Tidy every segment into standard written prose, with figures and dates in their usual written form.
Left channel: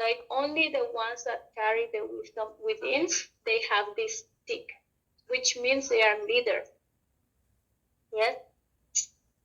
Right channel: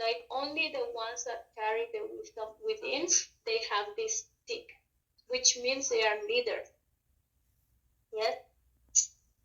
Like only the ones that carry the wisdom within, they have this stick, which means they are leaders. Yes.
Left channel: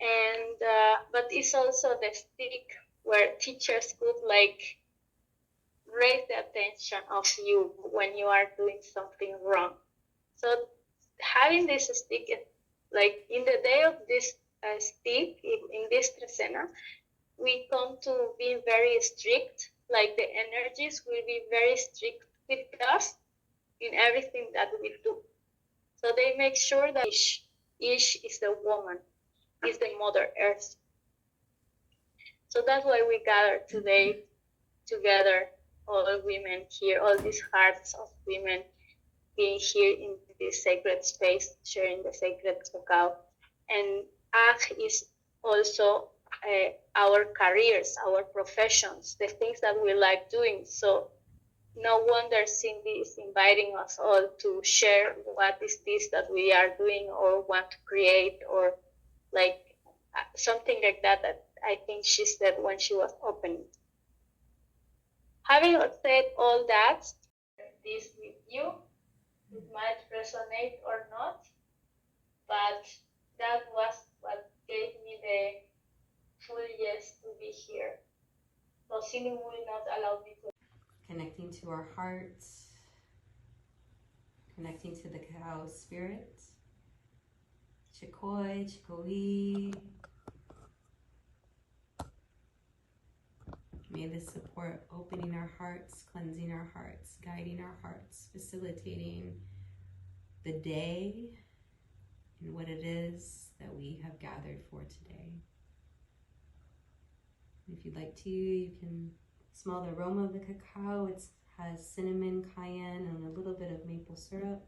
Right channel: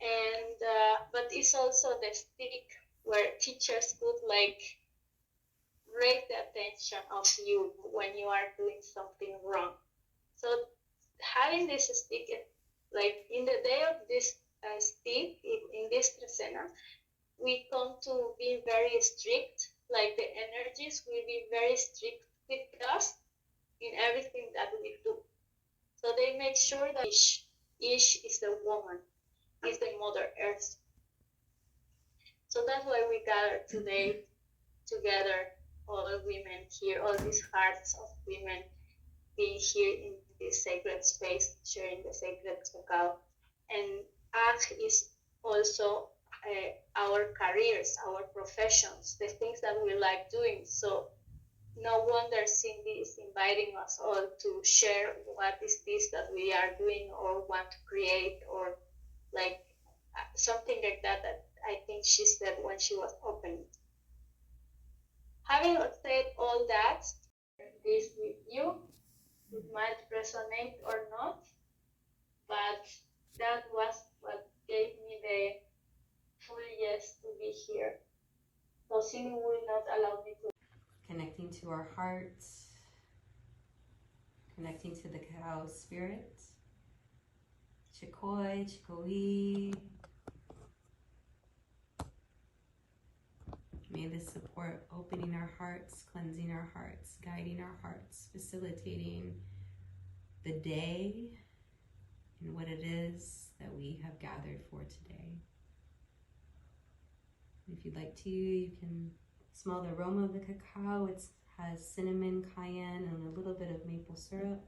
And but it's also the stick where teachers could like raise the attention of you when you are doing something wrong. So having this stick, like in the day of this stick, in this trecena, we come to be very strict. Like the energies will be very strict with us in everything that we do. So they make sure that Ish is the woman, is the Mother Earth. So that's why we gather today together, all women here, all these hearts of women being here in this sacred space, sharing the sacred cacao. And Ag is also our careers, our professions, the things that we like doing. So no wonder Cindy is inviting us all to share what is this that we are doing or want to create, or like something like that, that I think she said when she was opening. Having said all that, this with you, it might resonate or not, but that was what gave me the full yes to be here. So Cindy will not allow me to. Connecting to our hearts, connecting to the cacao spirit, Chikoi, Chikoi. May this support opening our hearts, cleansing our hearts, guiding our hearts, facilitating the day and what it is that we have gathered for today. If you'd like to, you can smell the aroma of the cacao. It has cinnamon, cayenne, and a little bit of maple syrup.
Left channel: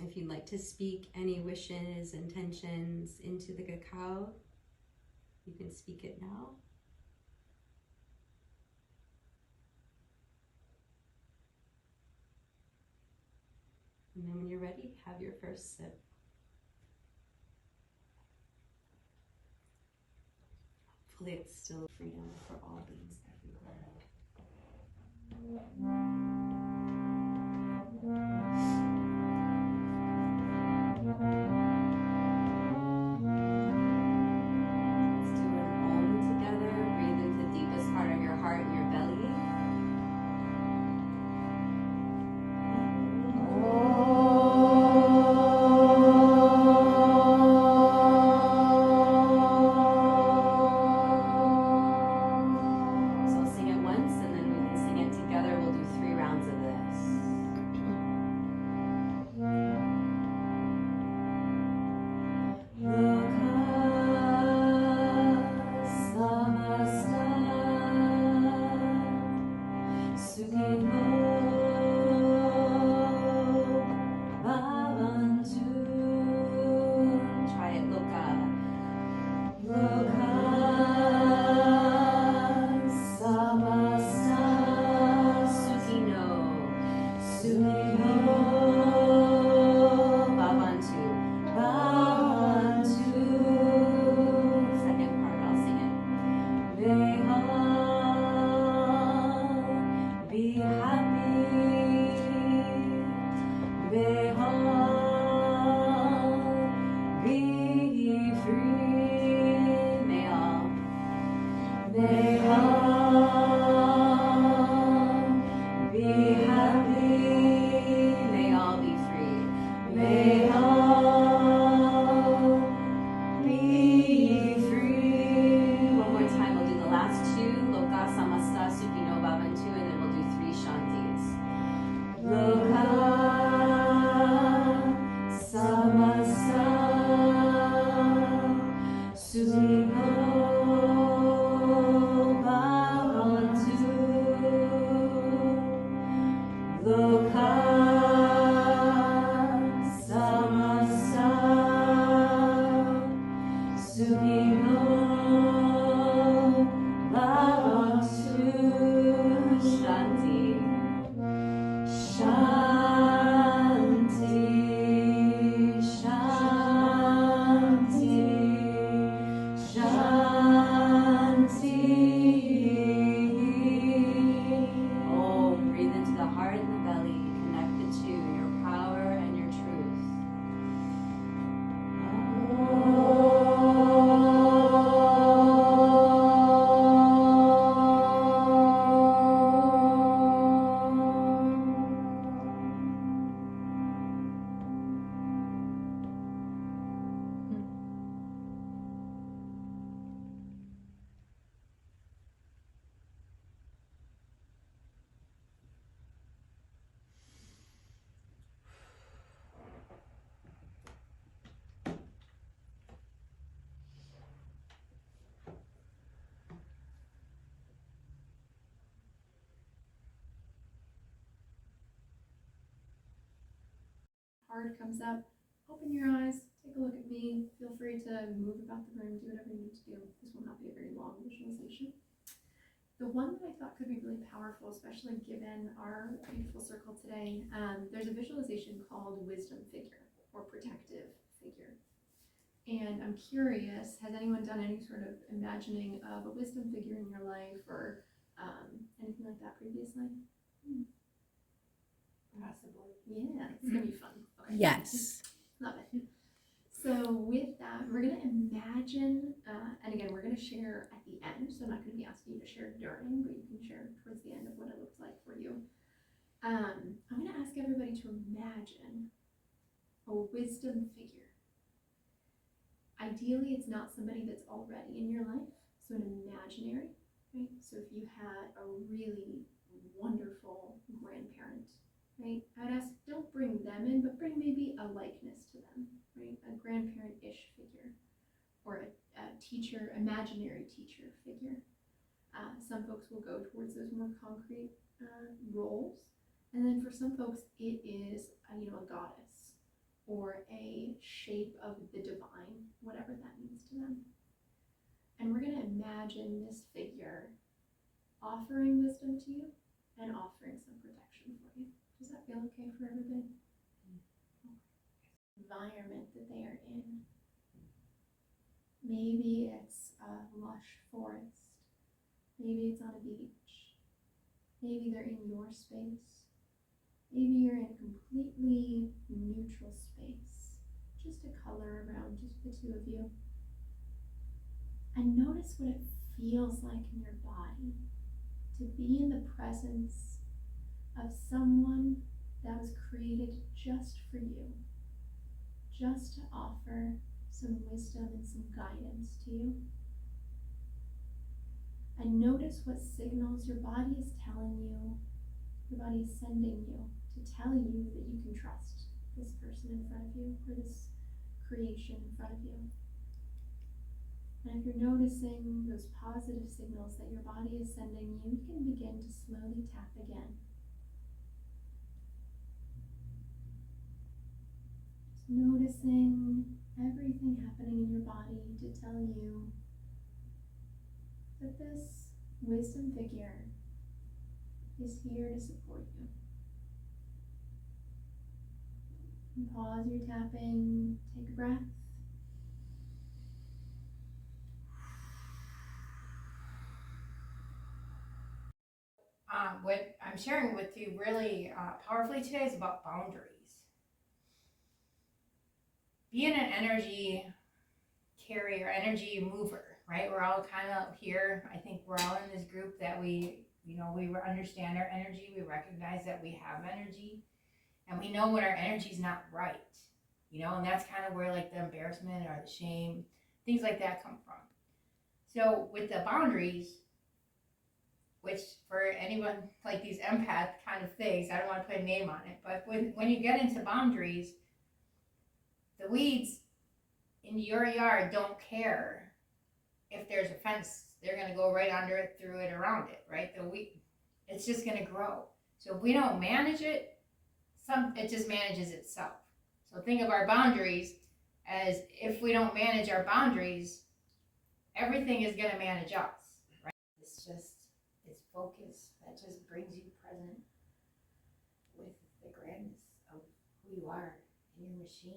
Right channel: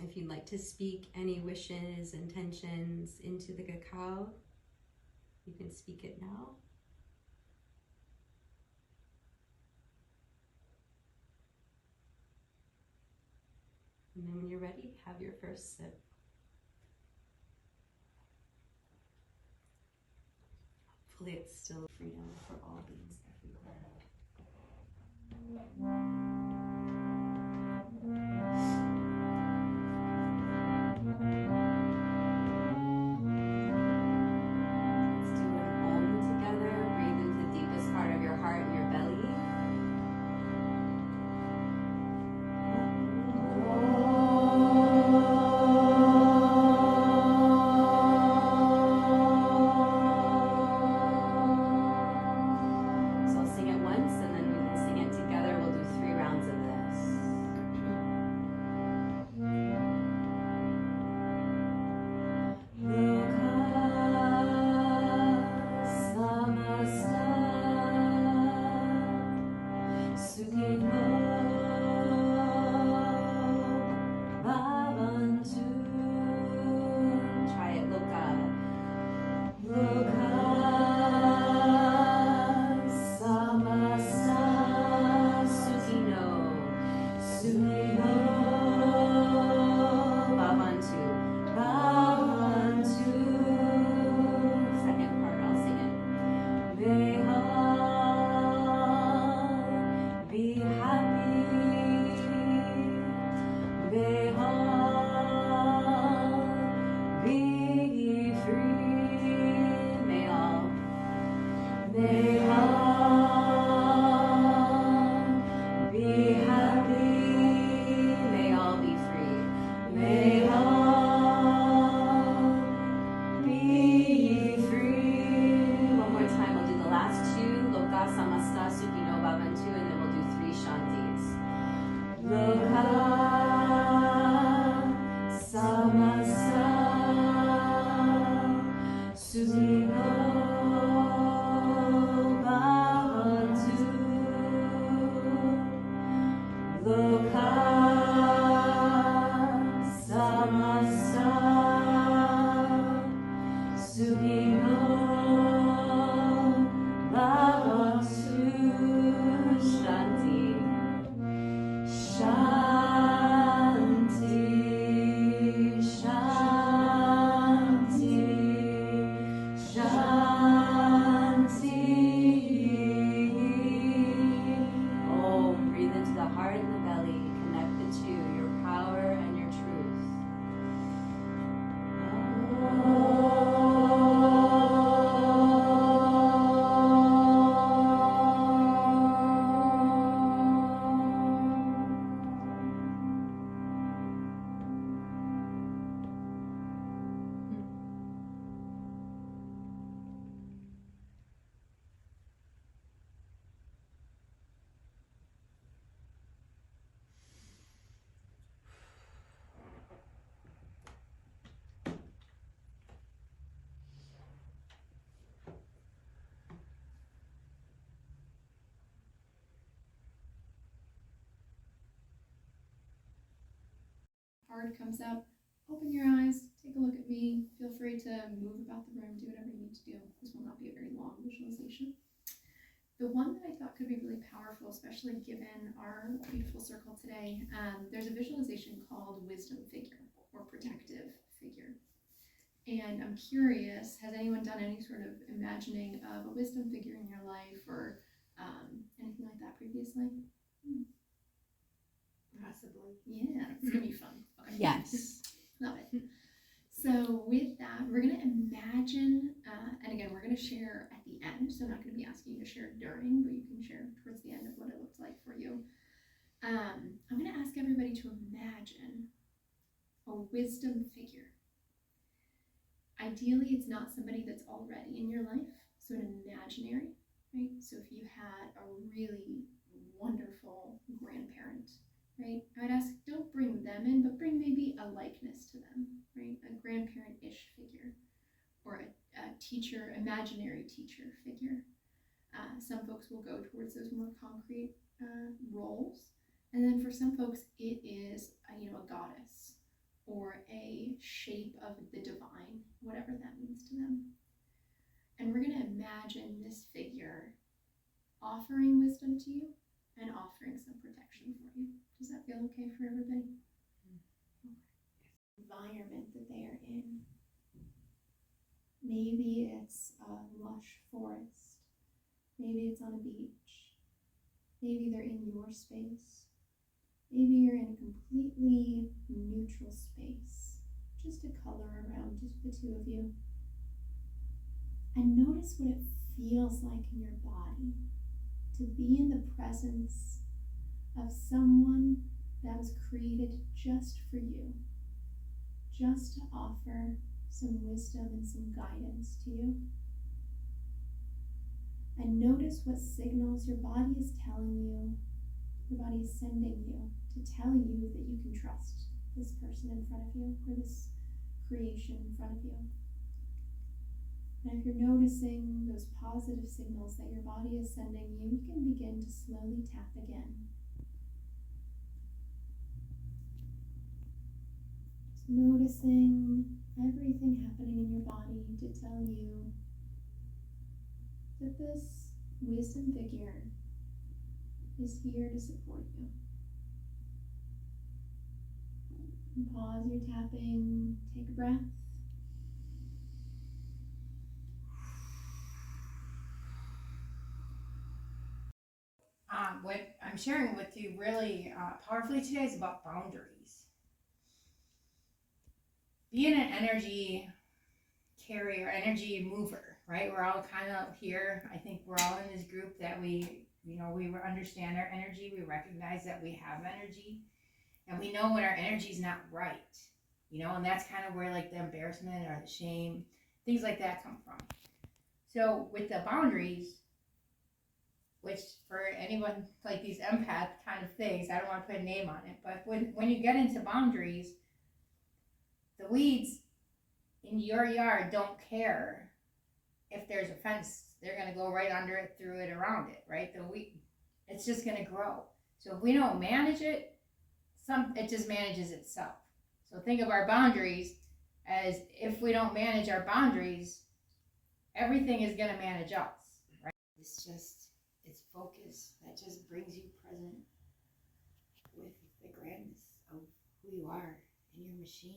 If you'd like to speak any wishes, intentions into the cacao, you can speak it now. And then when you're ready, have your first sip. Hopefully it's still freedom for all beings everywhere. Let's do an Om together. Breathe into the deepest part of your heart and your belly. Shanti, Shanti. card comes up, open your eyes, take a look at me, feel free to move about the room, do whatever you need to do. This will not be a very long visualization. The one that I thought could be really powerful, especially given our beautiful circle today, there's a visualization called Wisdom Figure or Protective Figure. And I'm curious, has anyone done any sort of imagining of a wisdom figure in your life or anything like that previously? Possibly. Yeah, it's going to be fun. Okay. Yes. Love it. So with that, we're going to imagine, and again, we're going to share at the end, so I'm not going to be asking you to share during, but you can share towards the end of what it looks like for you. I'm going to ask everybody to imagine a wisdom figure. Ideally, it's not somebody that's already in your life, so an imaginary, right? So if you had a really wonderful grandparent, right? I'd ask, don't bring them in, but bring maybe a likeness to them, right? A grandparent-ish figure, or a teacher, imaginary teacher figure. Some folks will go towards those more concrete roles, and then for some folks, it is a goddess or a shape of the divine, whatever that means to them. And we're going to imagine this figure offering wisdom to you and offering some protection for you. Does that feel okay for everybody? Okay. Environment that they are in. Maybe it's a lush forest. Maybe it's on a beach. Maybe they're in your space. Maybe you're in a completely neutral space. Just a color around just the two of you. And notice what it feels like in your body to be in the presence of someone that was created just for you, just to offer some wisdom and some guidance to you. And notice what signals your body is telling you, your body is sending you to tell you that you can trust this person in front of you or this creation in front of you. And if you're noticing those positive signals that your body is sending you, you can begin to slowly tap again. Just noticing everything happening in your body to tell you that this wisdom figure is here to support you. And pause your tapping, take a breath. What I'm sharing with you really powerfully today is about boundaries. Being an energy carrier, energy mover, right? We're all kind of here. I think we're all in this group that we understand our energy. We recognize that we have energy, and we know when our energy is not right, and that's kind of where like the embarrassment or the shame, things like that come from. So with the boundaries, which for anyone like these empath kind of things, I don't want to put a name on it, but when you get into boundaries, the weeds in your yard don't care if there's a fence. They're going to go right under it, through it, around it, right? The weed, it's just going to grow. So if we don't manage it, it just manages itself. So think of our boundaries as if we don't manage our boundaries, everything is going to manage us, right? It's focus that just brings you present with the grandness of who you are in your machine.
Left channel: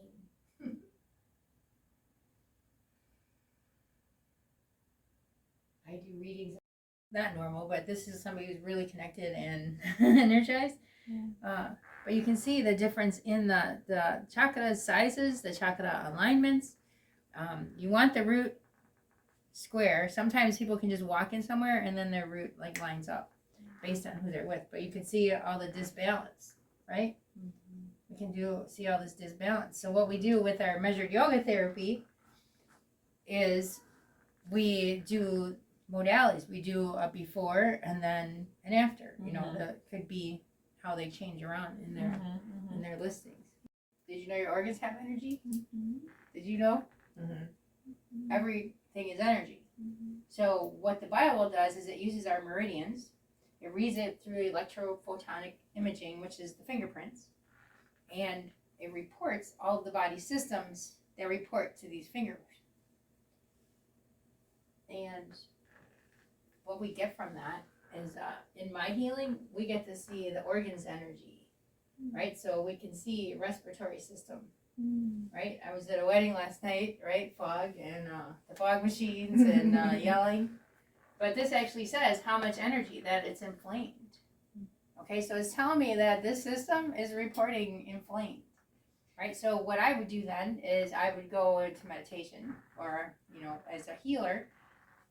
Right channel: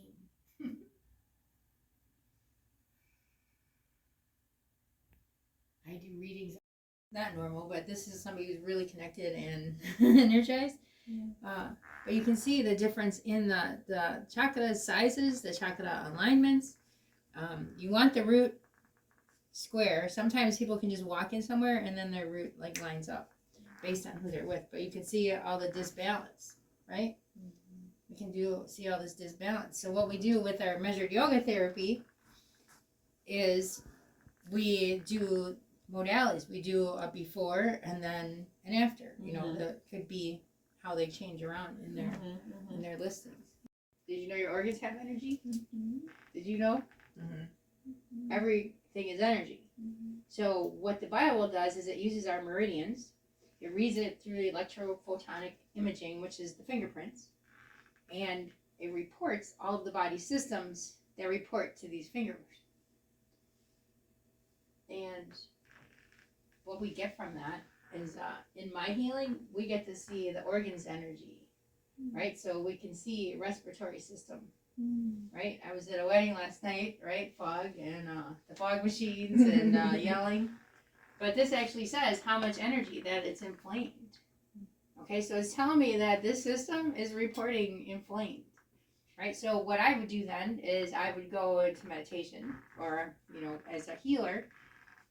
I do readings. Not normal, but this is somebody who's really connected and energized. Yeah. But you can see the difference in the chakra sizes, the chakra alignments. You want the root square. Sometimes people can just walk in somewhere and then their root like lines up based on who they're with. But you can see all the disbalance, right? Mm-hmm. We can see all this disbalance. So what we do with our measured yoga therapy is we do modalities. We do a before and then an after. Mm-hmm. That could be how they change around in their in their listings. Did you know your organs have energy? Mm-hmm. Did you know? Mm-hmm. Mm-hmm. Everything is energy. Mm-hmm. So what the BioWell does is it uses our meridians. It reads it through electrophotonic imaging, which is the fingerprints, and it reports all of the body systems that report to these fingers. And what we get from that is, in my healing, we get to see the organs energy, right? So we can see respiratory system, right? I was at a wedding last night, right? Fog and the fog machines and yelling. But this actually says how much energy that it's inflamed. Okay, so it's telling me that this system is reporting inflamed, right? So what I would do then is I would go into meditation, or, you know, as a healer,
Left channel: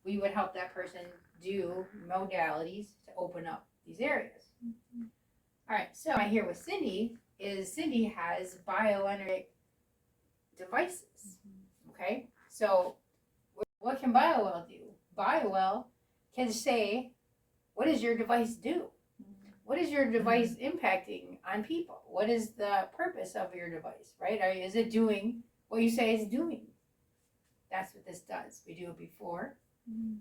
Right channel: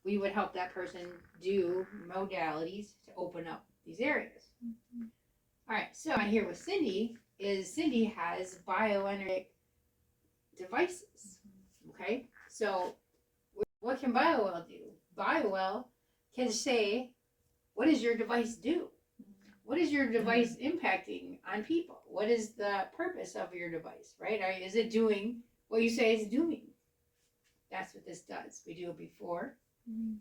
we would help that person do modalities to open up these areas. All right, so I hear with Cindy is Cindy has bioenergetic devices. Okay, so what can BioWell do? BioWell can say, what does your device do? What is your device impacting on people? What is the purpose of your device, right? Is it doing what you say it's doing? That's what this does. We do it before.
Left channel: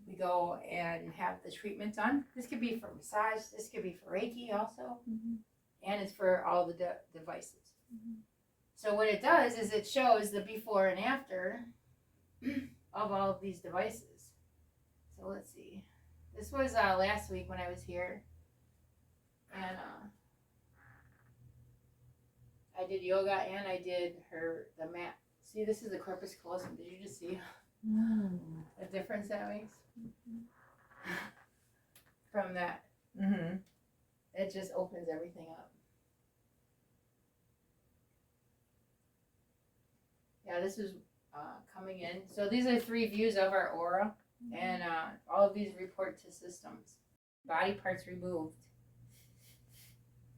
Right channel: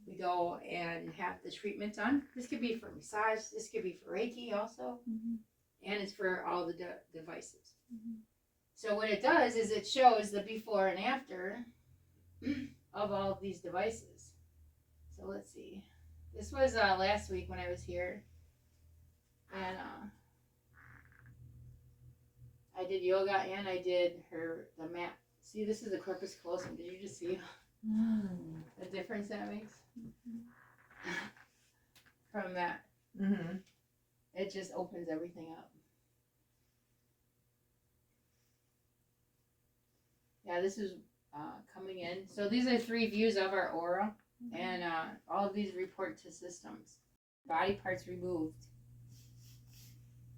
We go and have the treatment done. This could be for massage. This could be for Reiki also. And it's for all the devices. So what it does is it shows the before and after of all of these devices. So let's see. This was last week when I was here. And I did yoga and I did the mat. See, this is the corpus callosum. Did you just see the difference that makes? From that. It just opens everything up. Yeah, this is coming in. So these are 3 views of our aura. And all of these report to systems. Body parts removed.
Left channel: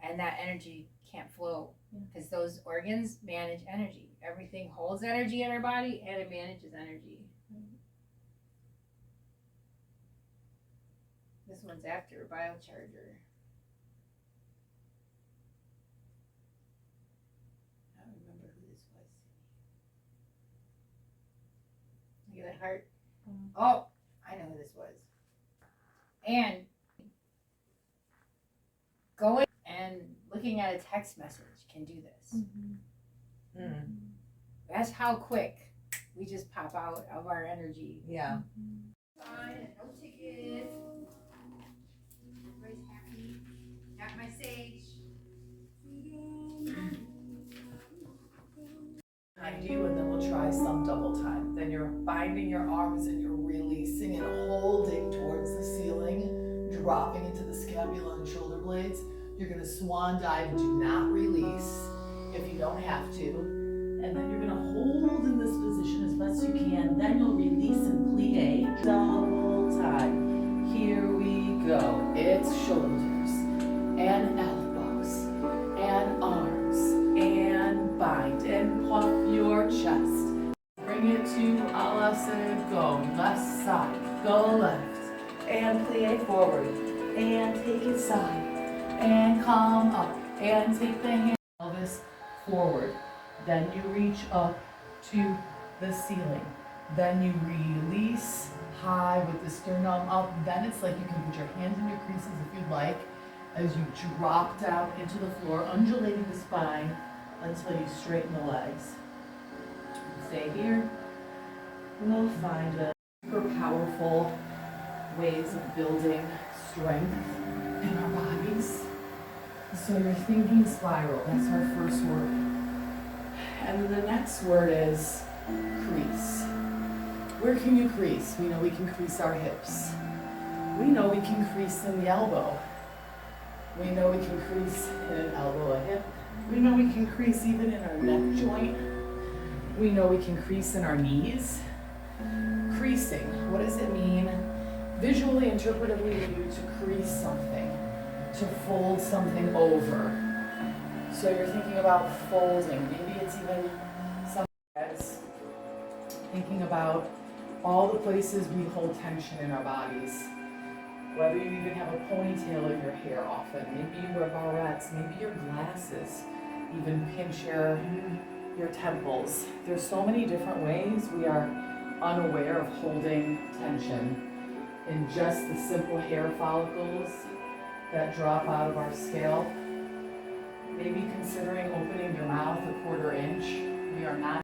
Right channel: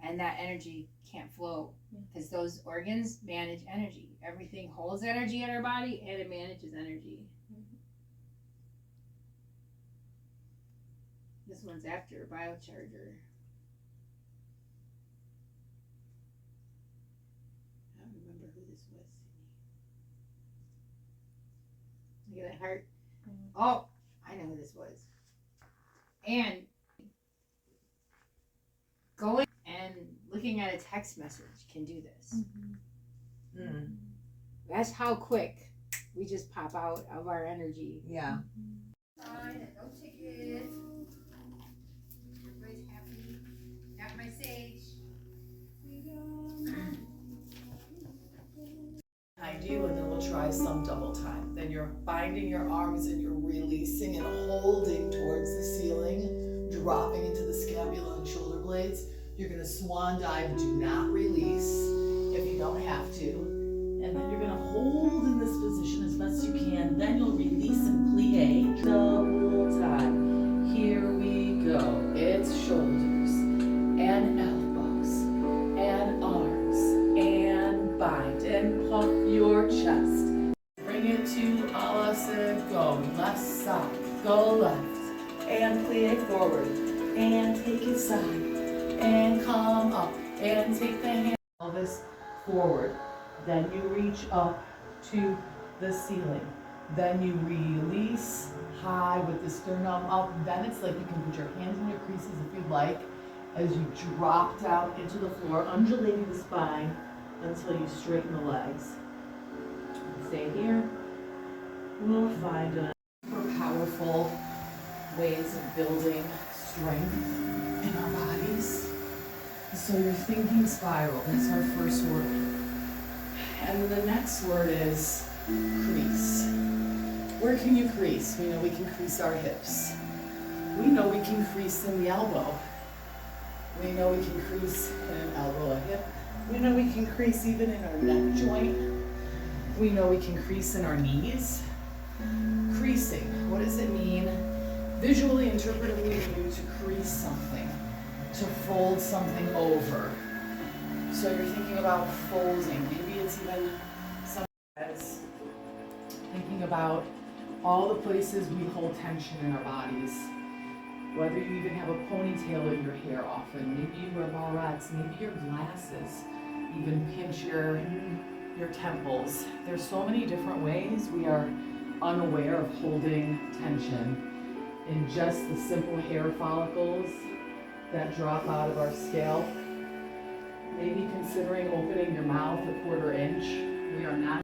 And that energy can't flow because those organs manage energy. Everything holds energy in our body and it manages energy. This one's after biocharger. I don't remember who this was. Look at that heart. Oh, I know who this was. And going and looking at a text message can do this. That's how quick we just pop out of our energy. Yeah. Fine, no tickets. Everybody's happy. Got my sage. Behind you, and then we'll try some double time. Then you're binding your arms and you're releasing and holding towards the ceiling, dropping into the scapula and shoulder blades. You're gonna swan dive, do not release if you don't have to. And then you're gonna hold in this position as best you can. Then you'll release and plie, double time. Here we go. It's shoulders and elbows and arms and bind and puff your chest. Bring it to Alasana, go left side, go left, and plie forward, and take it side, and come up, and take the hand, pelvis forward. Then you reach up to the ceiling. Then you release high with the sternum up. Then it's like you can put your hands in your creases if you'd like, as you drop down into the floor, undulating the spine until you straighten the legs. Stay here. We'll find a super powerful ways of building strength in our bodies. So your thinking spiral, that's our first word. And then the next word is crease. Where can you crease? We know we can crease our hips. We know we can crease in the elbow. We know we can crease in an elbow, a hip. We know we can crease even in our neck joint. We know we can crease in our knees. Creasing, what does it mean? Visually, interpretively, we need to crease something, to fold something over. So you're thinking about folding. Maybe it's even some heads. Thinking about all the places we hold tension in our bodies. Whether you even have a ponytail in your hair often, maybe you wear barrettes, maybe your glasses even pinch your temples. There's so many different ways we are unaware of holding tension in just the simple hair follicles that drop out of our scalp. Maybe considering opening your mouth a 1/4 inch. We are not.